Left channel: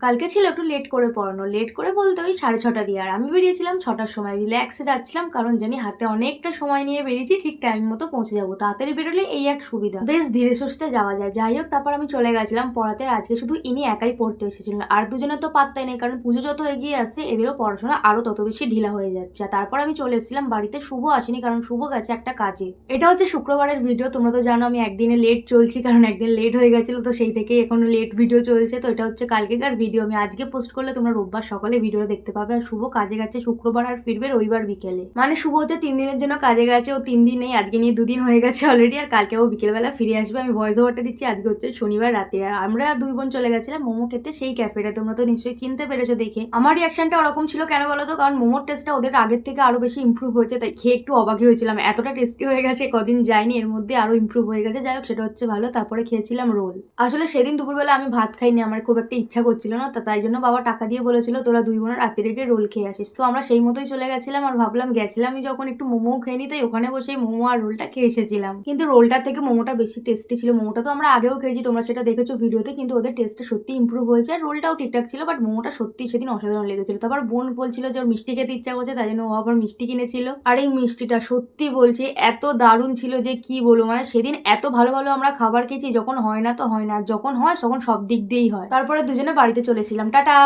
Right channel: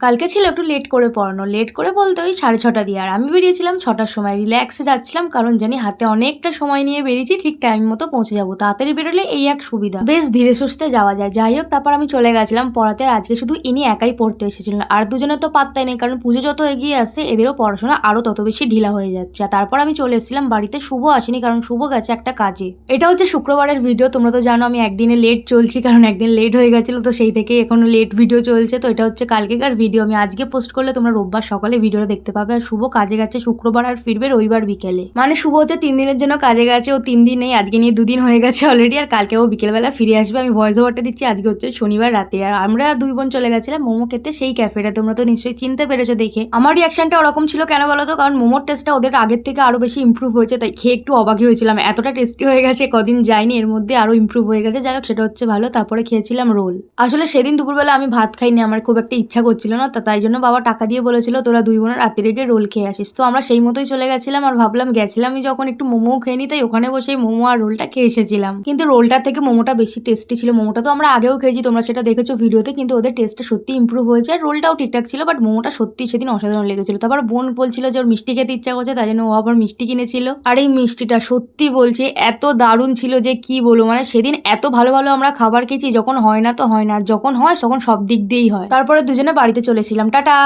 কালকে ছিল একটু লেট করে পড়ানো। লেট করে বলতে ওই সাড়ে ছটা দিয়ে। আর আমি বেরিয়েছিলাম ছটার সময়। রিল্যাক্সে যাচ্ছিলাম, কারণ জানি হাতে অনেকটা সময় নিয়ে বেরিয়েছি, ঠিক টাইম মতো পৌঁছে যাব। তাড়াতাড়ি বেরোলে এই এক সুবিধা। বেশ ধীরে সুস্থে যাওয়া যায়। যাই হোক, তারপর আমি চলে গেছিলাম পড়াতে। আর আজকে শুধু ইনি একাই পড়তে এসেছিলেন। আর দুজনে তো পাত্তাই নেই, কারণ পুজো যত এগিয়ে আসছে, এদেরও পড়াশোনা আরও তত বেশি ঢিলা হয়ে যাচ্ছে। আর তারপর আমি চলে এসেছিলাম বাড়িতে। শুভ আসেনি, কারণ শুভ গেছে একটা কাজে। এটা হচ্ছে শুক্রবারের ভিডিও তোমরা তো জানো আমি একদিনে লেট চলছি, কারণ একদিন লেট হয়ে গেছিল, তো সেই থেকেই এখনও লেট ভিডিও চলছে। তো এটা হচ্ছে কালকেকার ভিডিও আমি আজকে পোস্ট করলে তোমরা রোববার সকালে ভিডিওটা দেখতে পাবে। আর শুভ কাজে গেছে শুক্রবার আর ফিরবে রবিবার বিকেলে। মানে শুভ হচ্ছে তিন দিনের জন্য কাজে গেছে, ও তিন দিন নেই, আজকে নিয়ে দুদিন হয়ে গেছে অলরেডি আর কালকে ও বিকেলবেলা ফিরে আসবে। আমি ভয়েস ওভারটা দিচ্ছি, আজকে হচ্ছে শনিবার রাতে। আর আমরা দুই বোন চলে গেছিলাম মোমো খেতে সেই ক্যাফেটা তোমরা তো নিশ্চয়ই চিনতে পেরেছ দেখে। আমার রিয়াকশনটা ওরকম ছিল কেন বলো তো? কারণ মোমোর টেস্টটা ওদের আগের থেকে আরও বেশি ইমপ্রুভ হয়েছে, তাই খেয়ে একটু অবাকই হয়েছিলাম। এতটা টেস্টি হয়ে গেছে, কদিন যায়নি, এর মধ্যে আরও ইমপ্রুভ হয়ে গেছে। যাই হোক, সেটা হচ্ছে ভালো, তারপরে খেয়েছিলাম রোল। আসলে সেদিন দুপুরবেলা আমি ভাত খাইনি, আমার খুব একটা ইচ্ছা করছিল তা তাই জন্য বাবা টাকা দিয়ে বলেছিল, তোরা দুই বোনের রাত্রি রেগে রোল খেয়ে আসিস। তো আমরা সেই মতোই চলে গেছিলাম আর ভাবলাম গেছিলাম যখন একটু মোমো খেয়ে নি তাই ওখানে বসে মোমো আর রোলটা খেয়ে এসেছিলাম। কিন্তু রোলটা থেকে মোমোটা বেশি টেস্টি ছিল। মোমোটা তো আমরা আগেও খেয়েছি, তোমরা সেটা দেখেছ ভিডিওতে, কিন্তু ওদের টেস্টটা সত্যি ইমপ্রুভ হয়েছে। আর রোলটাও ঠিকঠাক ছিল বাট মোমোটা সত্যি সেদিন অসাধারণ লেগেছিল। তারপর বোন বলছিল যে ওর মিষ্টি খেতে ইচ্ছা করছে, তাই জন্য ও আবার মিষ্টি কিনেছিল। আর এই মিষ্টিটা সত্যি বলছি, এত দারুণ ছিল যে কি বলব মানে সেদিন এত ভালো ভালো আমরা খাবার খেয়েছি, যখন হয় না তো হয় না যখন হয় তখন সব দিক দিয়েই হয়। তারপরে দুজনে বাড়িতে চলেছিলাম টাটা।